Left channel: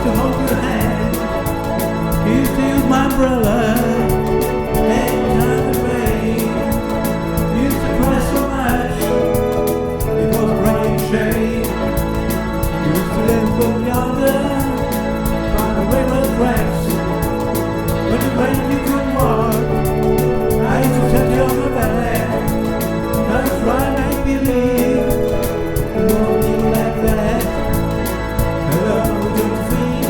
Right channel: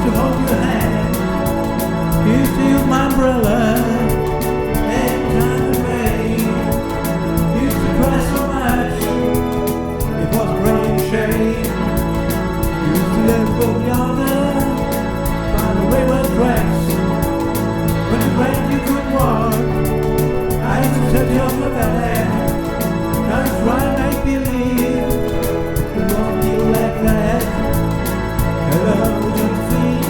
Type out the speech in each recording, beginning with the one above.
used to hold your hand. Used to use my umbrella every time it rained. Used to cry so much it was gray and shame. Used to live over yonder by the railroad tracks. When it rained you couldn't walk, I used to touch you on my back. Now you try and make believe it wasn't you like that. Hello Josephine,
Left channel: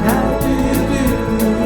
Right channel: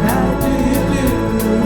how do you do?